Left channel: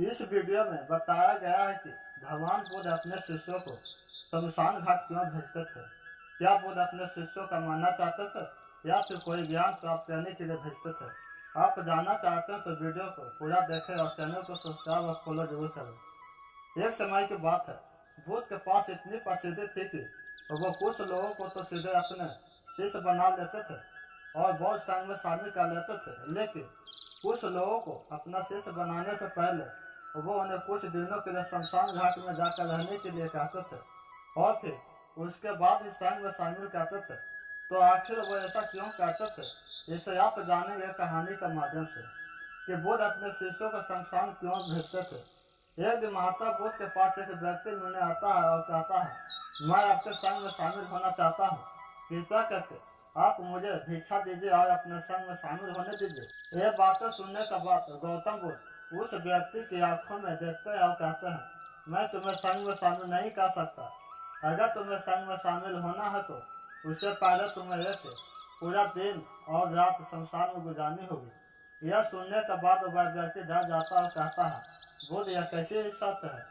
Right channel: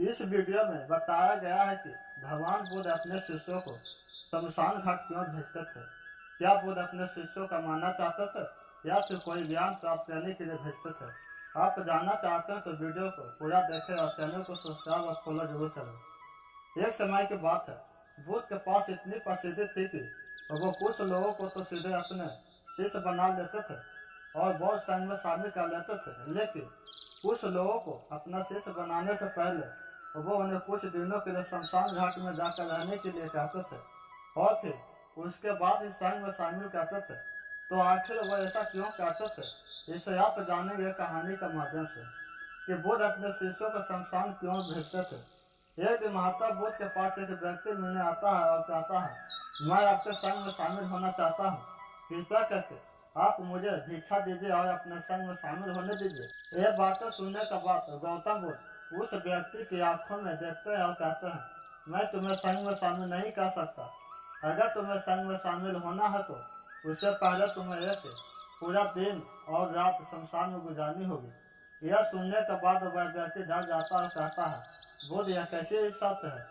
इस वीडियो में बताया गया है कि भगवान बुद्ध अपने शिष्यों को शमशान घाट क्यों भेजते थे। क्या बुद्ध अपने शिष्यों का मानना चाहते थे या फिर कोई ज्ञान प्राप्त करने के लिए भेजते थे। आप जानना चाहते हैं तो वीडियो को पूरा देखें और चैनल को सब्सक्राइब और फॉलो जरूर करें। एक समय की बात है, बुद्ध के पास इतनी प्रसिद्धि थी कि वो कुछ लोगों को तो सीधे अपने शिष्य बना लेते थे और बहुत संग में शामिल कर लेते थे, लेकिन कुछ लोगों को अपना शिष्य बनाने से पहले वो उन्हें कुछ दिनों के लिए शमशान घाट में जाकर रहने के लिए कहते थे और फिर उसके बाद इस संघ में शामिल करते थे। तो आखिर वो ऐसा क्यों करते थे, इसे आप जानेंगे कहानी के माध्यम से कि बुद्ध अपने शिष्यों को शमशान क्यों भेजते थे। एक दिन महात्मा बुद्ध के पास एक व्यक्ति मिलने आता है और कहता है, मैं आपके संघ में शामिल होना चाहता हूँ, कृपया करके आप मुझे भिक्षा दीजिए और अपने संघ में शामिल होने दीजिए। ये बातें सुनने के बाद गौतम बुद्ध उस व्यक्ति की आंखों में देखते हैं और कहते हैं, मैं तुम्हें संघ में शामिल नहीं कर सकता। अगर तुम्हें संघ में शामिल होना है तो उससे पहले तुम्हें एक पूरा दिन और रात शमशान में गुजारनी होगी। यह सुनने के बाद वह व्यक्ति डर जाता और कहता है, बुद्ध यह कैसी शर्त है,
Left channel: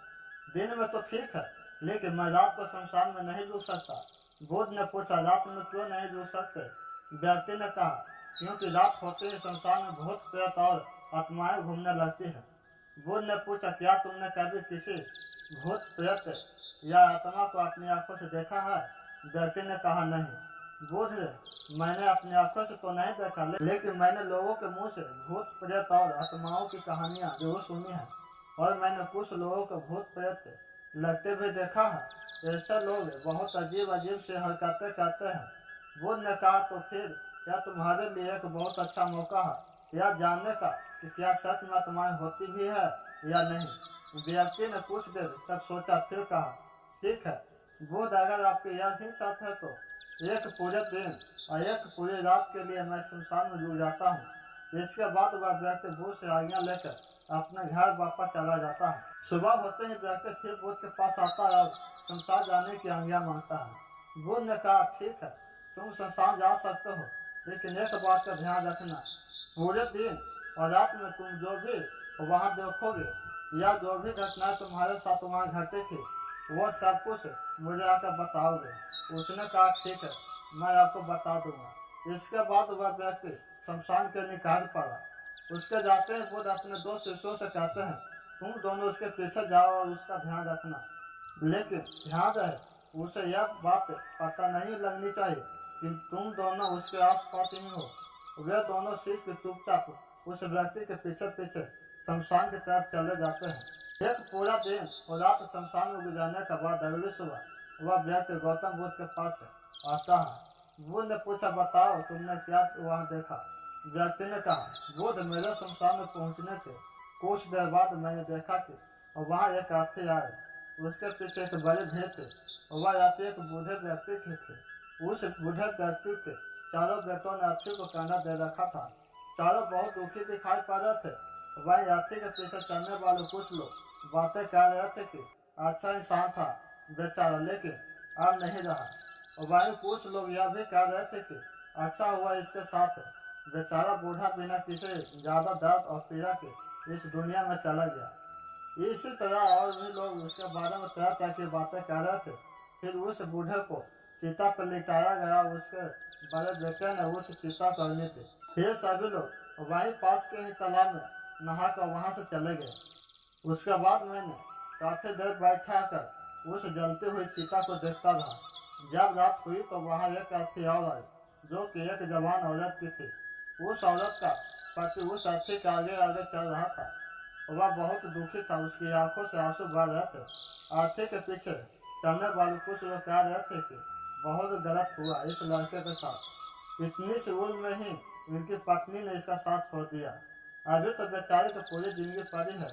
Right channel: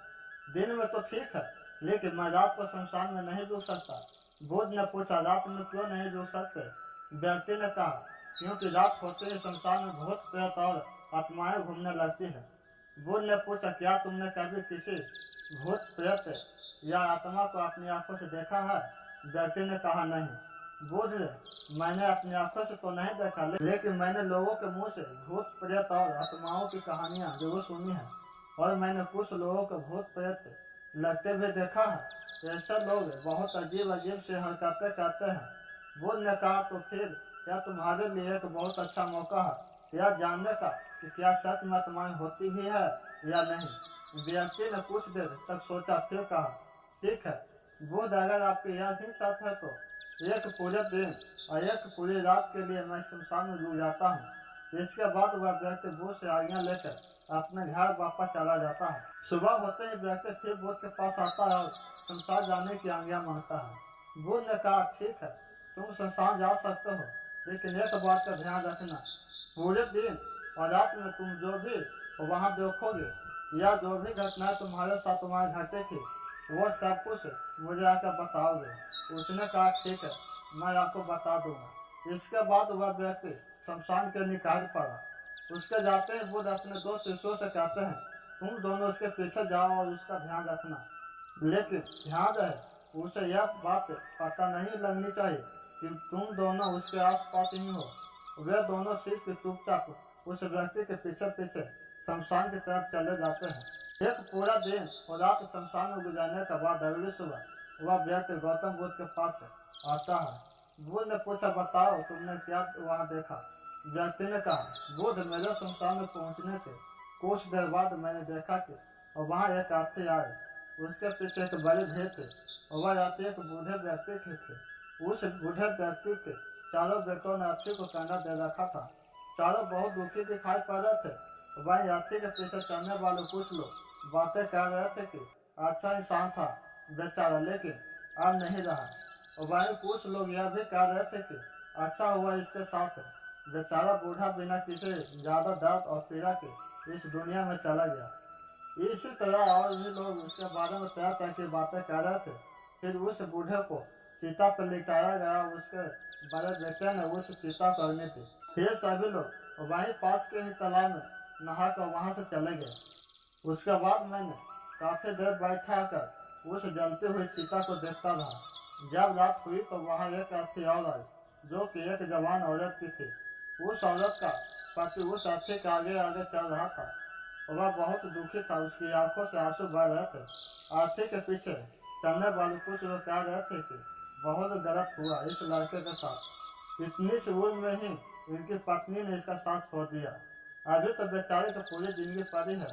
दिन में तो ठीक है लेकिन मैं रात को शमशान में नहीं रुक सकता। बुद्ध ने पूछा, रात में क्यों नहीं रुक सकते। व्यक्ति ने कहा, क्योंकि रात होते ही शमशान में भूत प्रेत और आत्माएं घूमने लगती है। बुद्ध ने पूछा, क्या तुमने कभी किसी भूत प्रेत या आत्मा को अपनी आंखों से देखा है। व्यक्ति ने कहा, नहीं। बुद्ध, मैंने अपनी आंखों से तो नहीं देखा, लेकिन मैंने लोगों के मुंह से भूत प्रेत और आत्माओं की कहानियां जरूर सुनी है और मैंने कुछ लोगों को भूत प्रेत लगते भी देखा है। ऐसे लोग बहुत अजीब अजीब से हरकतें करते हैं। बुद्ध ने कहा, तो फिर क्या तुम्हारे लिए एक बहुत अच्छा मौका है यह जानने का कि क्या सच में आत्माएं होती भी है या नहीं। व्यक्ति ने कुछ देर तक सोचा, फिर कहा, ठीक है बुद्ध, अगर आपकी यही शर्त है तो एक पूरे दिन और एक पूरी रात के लिए मैं शमशान में डूब जाता हूँ। इसके बाद वह व्यक्ति बुद्ध से आज्ञा लेकर अपने घर वापस चला जाता है। सुबह होते ही व्यक्ति फिर बुद्ध के पास आता है और शमशान जाने की आज्ञा मांगता है। बुद्ध ने कहा, ठीक है तुम शमशान जा सकते हो, लेकिन एक बात का ध्यान रखना, पूरे दिन और रात में तुम जो भी वहाँ देखोगे या जो भी घटनाएं तुम्हारे साथ वहाँ घटेगी वो सब कुछ मुझे आकर बताओगे। उसने कहा, ठीक है मैं आपको बता दूंगा। इसके बाद वह व्यक्ति शमशान के निकट पड़ा। उसके जाते ही बुद्ध अपने दो शिष्यों से कहते हैं, तुम दोनों उसके पीछे जाओ और उसका ध्यान रखना, लेकिन ध्यान रहे उसे यह बात पता नहीं लगनी चाहिए कि तुम दोनों उसके आसपास ही हो। वे दोनों शिष्य चुपचाप उस व्यक्ति के पीछे पीछे शमशान की तरफ चले जाते हैं। एक पूरा दिन और रात शमशान में गुजारने के बाद अगली सुबह वह व्यक्ति गौतम बुद्ध के पास आता है। बुद्ध ने पूछा, बताओ तुमने क्या वहाँ देखा। व्यक्ति ने कहा, बुद्ध, मेरे शमशान में पहुँचने के कुछ देर बाद मैंने देखा कि वहाँ एक हाथी आए, उसके पीछे एक बड़ी भीड़ थी और वह हाथी एक बूढ़े व्यक्ति के थे। उस बूढ़े व्यक्ति के चारों बेटों ने हाथी को कंधा दे रखा था। चारों बहुत दुखी दिखाई पड़ रहे थे। वहीं हाथी के पीछे चलने वाले कुछ लोग बातें कर रहे थे कि अच्छा इंसान था बेचारा, लेकिन अब नहीं रहा। और वहीं कुछ लोग यह भी कह रहे थे कि अच्छा हुआ इसके साथ बेचारा बूढ़ा बिना किसी ज़्यादा दर्द और पीड़ा के इस दुनिया में चला गया। इसी तरह और भी लोग उसके बारे में तरह तरह की बातें कर रहे थे। फिर उस बूढ़े को चीता पर लिटाया गया। उसके बड़े बेटे ने उस चीता को अग्नि दी। फिर सभी लोग वहीं पास के ही तालाब में नहाकर वहां से चले गए। उसके बाद मैंने काफी देर बैठा कर उस जलती हुई चीता को देखता रहा। जब रात हुई तो वहां एक हाथी और आई, जो कि एक जवान औरत की थी। उस औरत का पति उस हाथी के आगे आगे चल रहा था। वह बहुत दुखी था, उसकी आंखों से आंसू बह रहे थे। हाथी के पीछे चलने वाले कुछ लोग कह रहे थे कि बहुत गलत हुआ इस लड़के के साथ, इतनी सी उम्र में ही इनकी पत्नी ने इसका साथ छोड़ दिया। अभी तो बेचारे की पूरी जिंदगी पड़ी है,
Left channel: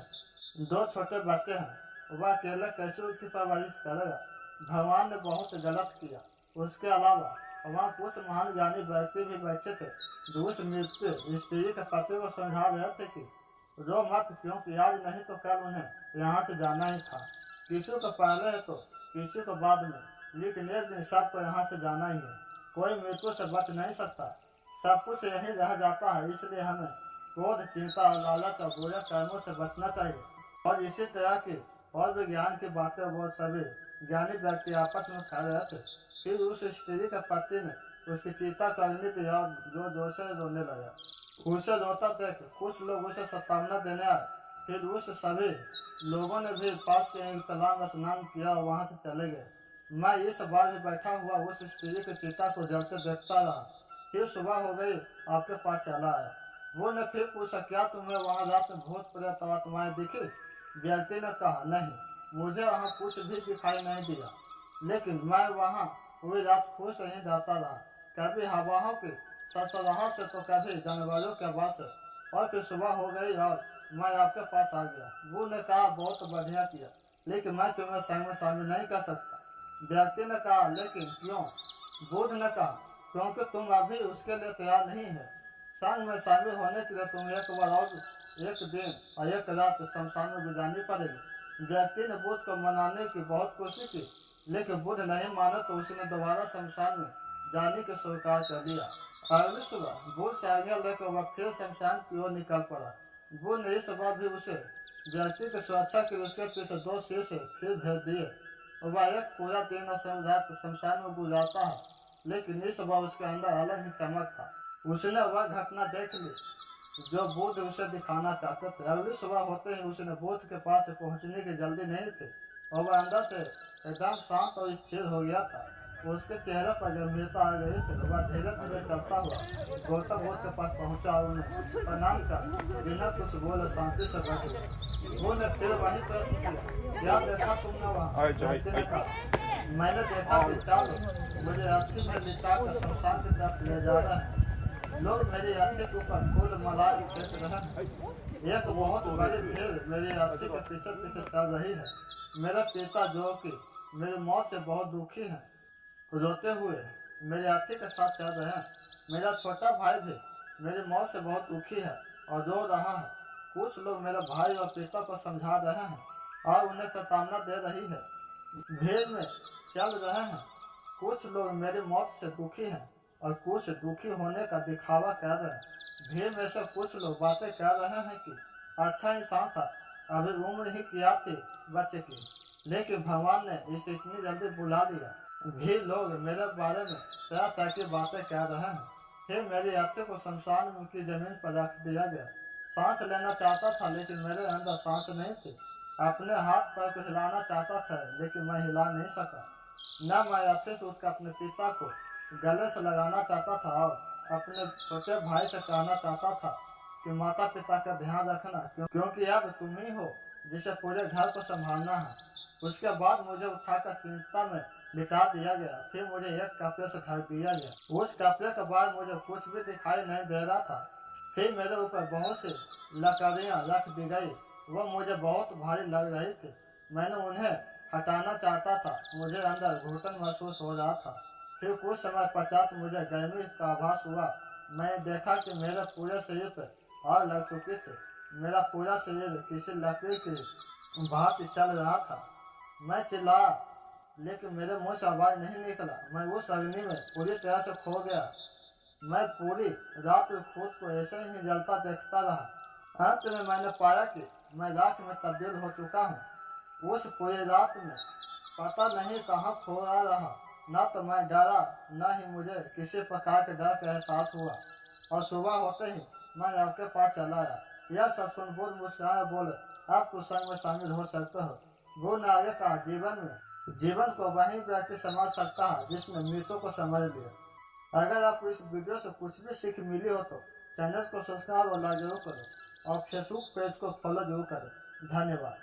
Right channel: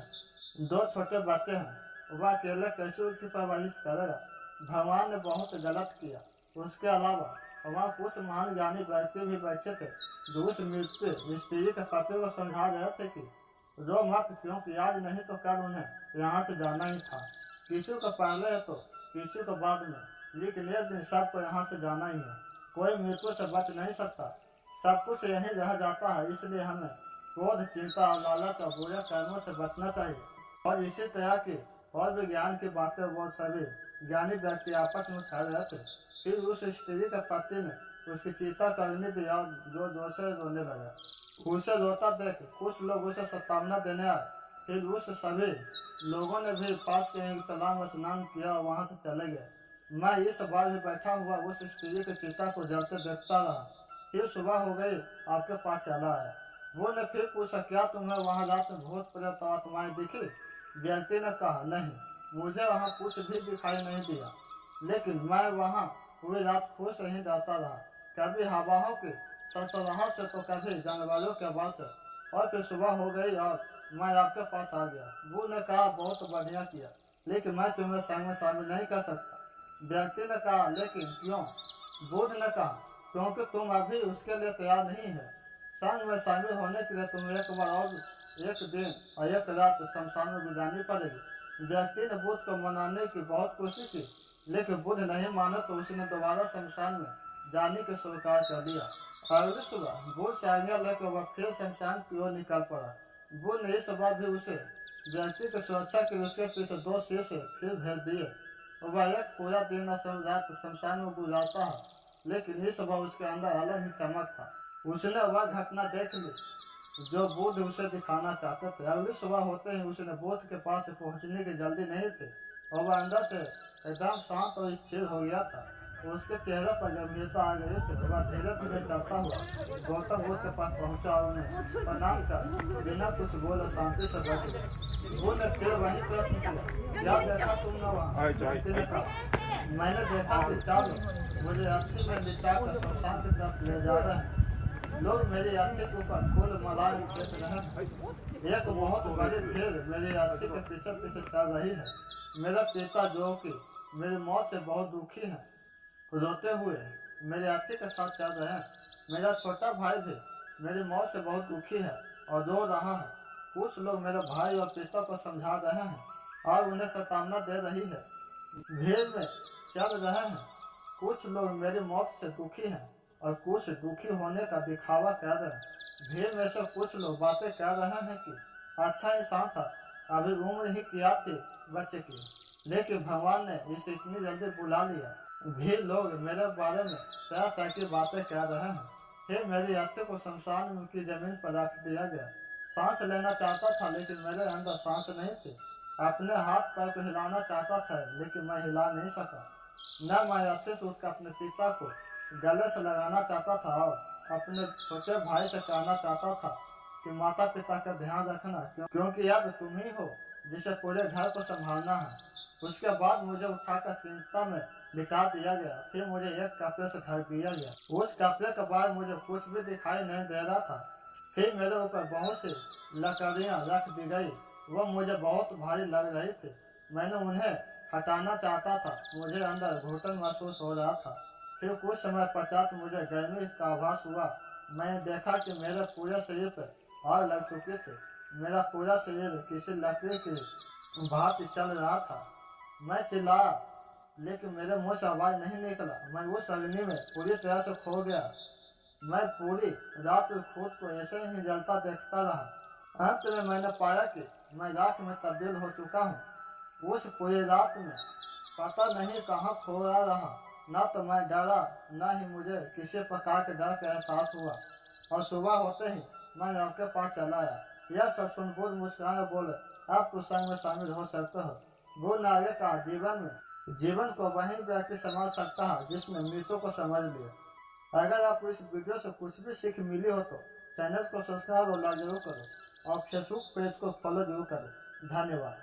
दो छोटे बच्चे हैं, वह अकेले कैसे उसकी परवरिश करेगा। भगवान ने बहुत गलत किया। उसके अलावा वहाँ कुछ महान ज्ञानी व्यक्ति भी बैठे थे, जो उस मृत्यु स्त्री के पति को समझा रहे थे कि रो मत, क्योंकि आज नहीं तो कल उन्हें यहाँ से जाना ही था। किसी को पहले है तो किसी को बाद में, लेकिन एक दिन सबको यहाँ से जाना ही है। कोई मृत्यु से बच नहीं सकता, सब कुछ यहीं रह जाता है। इसलिए हमें क्रोध, चिंता और लालच और बुरे कर्मों से बचना चाहिए। और इसी तरह की और भी ज्ञान की बातें वो सभी ज्ञानी व्यक्ति आपस में खा रहे थे। फिर उस स्त्री के पति ने उसकी चिता को अग्नि दिया और जो जोर से रोने लगा। उसे रोता देख कुछ लोग उसे सतावना देने आए। फिर उस सभी लोगों ने भी पास के एक तालाब में स्नान किया और वहां से चले गए। मैं इस बार भी बैठा हुआ उस स्त्री की चिता को जलते देखता रहा। फिर सुबह हो गई, आपके पास चला आया। वो ने फिर पूछा, क्या तुम्हें वहाँ रात में भूत प्रेत आत्माएं दिखी? व्यक्ति ने कहा, नहीं, मुझे वहाँ कुछ भी दिखाई नहीं दिया, लेकिन मैं वहाँ पूरी रात खुश ही रहता रहा, कभी हवाओं की सरसराहट से तो कभी जानवरों के आवाज से। और फिर सुबह हो गई और मैं आपके पास आ गया। वो ने कहा, बहुत बढ़िया किया, लेकिन मैं तुम्हें संग में शामिल नहीं कर सकता। व्यक्ति ने कहा, लेकिन क्यों? बुद्ध ने कहा, क्योंकि तुम अभी उसके लिए तैयार नहीं है। संग में शामिल होने के लिए तुम एक बार और एक दिन और एक रात शमशान में गुजारनी पड़ेगी। व्यक्ति ने बुद्ध को मनाने की बहुत कोशिश की, लेकिन बुद्ध नहीं माना तो उसने दोबारा शमशान में जाने के स्वीकार कर लिया। अगली सुबह बुद्ध से आज्ञा लेकर वह फिर शमशान की ओर निकल पड़ा। बुद्ध ने इस बार भी उसे व्यक्ति की सुरक्षा के लिए उसके पीछे 2 शीशे फिर भेज दिए। वह एक पूरा दिन और रात शमशान में गुजारता है, लेकिन इस बार उसके अंदर अलग ही चमक था। उसने वह घटना देख ली जो बुद्ध उसे दिखाना चाहते थे। अगली सुबह होते ही उसने बुद्ध के पास पहुंचने की जल्दी नहीं थी और वह अंदर से एकदम शांत और स्थिर हो गया था। उसके चेहरे पर गंभीरता आ गई थी। वह धीरे धीरे चलता हुआ गौतम बुद्ध के पास पहुंचा और उन्हें प्रणाम कर बिना कुछ बोले शांति से बैठ गया। बुद्ध ने फिर वही प्रश्न किया, क्या देखा तुमने वहाँ? व्यक्ति ने कहा, मैंने देखा कि 4 लोग मुझे अर्थी में लिटा कर शमशान की तरफ ले जा रहे हैं। लोग मेरी अर्थी के ऊपर फूल मालाएं फेंक रहे हैं। एक बहुत बड़ी भीड़ मेरी अर्थी के पीछे पीछे चल रही है। मेरा पिता जो कि मेरी मौत से बहुत दुखी है, रोते हुए मेरी अर्थी के साथ चल रहे हैं। मेरा छोटा भाई भी मेरी मौत से बहुत दुखी है और रो रहा है। कुछ लोग मेरे भाई और पिता को समझा रहे हैं और उन्हें सतावना दे रही है। भीड़ में चल रहे हैं। कुछ लोग मेरी मौत से दुखी हैं और कुछ दुखी होने का दिखावा कर रहे हैं। भीड़ में से कुछ लोग बातें कर रहे हैं कि अच्छा इंसान था, अभी उम्र ही किया थी बच्चे की, लेकिन भगवान ने इसे इतनी जल्दी बुला लिया। भीड़ लोग मेरे बारे में तरह तरह की बातें कर रहे हैं। फिर मेरी अर्थी को शमशान की जमीन पर रख दिया गया। सांस लेना चाहता था, लेकिन मेरे अंदर सांस नहीं थी। अपने हाथ पैर को हिलाना चाहता था, लेकिन मैं हिला नहीं सका। न मैं अर्थी से उठकर अपने पिता को गले से लगाना चाहता था और अपने छोटे भाई से कहना चाहता था कि माता पिता का ध्यान रखना, क्योंकि अब तुम ही हो जिसे पूरे घर को संभालना है। उसके बाद मुझे उठाकर चिंता में लिटा दिया गया। फिर मुझे एक कपड़े से ढक दिया गया। उस कपड़े के बाद मुझे कुछ भी दिखाई नहीं दे रहा था। फिर मेरे ऊपर बहुत सी लकड़ियाँ रख दी गई। वह मुझे बहुत भारी लग रही थी। मैंने उन्हें हटाना चाहता था। मुझे अंदर घुटन महसूस हो रहा था। फिर कुछ समय पश्चात मुझे गर्मी का आभास हुआ। मैंने देखा कि मेरे पूरे शरीर पर आग लग चुकी थी। मेरा पूरा शरीर किसी लकड़ी की भांति चल रहा था। मैं चिल्लाया, लेकिन मेरे मुंह से आवाज नहीं निकला। मैं उस अग्नि में पूरी तरह से खो गया। मैं पूरी रात खुद को ऐसे ही जलता देखता रहा। अंत में मैंने पाया कि मैं राख में तब्दील हो चुका हूँ। उस पूरी रात में पता नहीं कहाँ खोया रहा। न तो मैं डरा, न ही मुझे किसी प्रकार के डर का एहसास हुआ। और सुबह होते ही मैं आपके पास चला आया। यह सब सुन बुद्ध मुस्कुराए बोले, अब कुछ संग में शामिल हो सकते हो। बुद्ध ने आगे कहा, जीवन को वही व्यक्ति समझ सकता है जिसने मृत्यु को समझ लिया। अगर आपको इस वीडियो से कुछ भी सीख मिली हो तो चैनल को सब्सक्राइब और लाइक जरूर करें और फेसबुक पेज को फॉलो जरूर करें। धन्यवाद।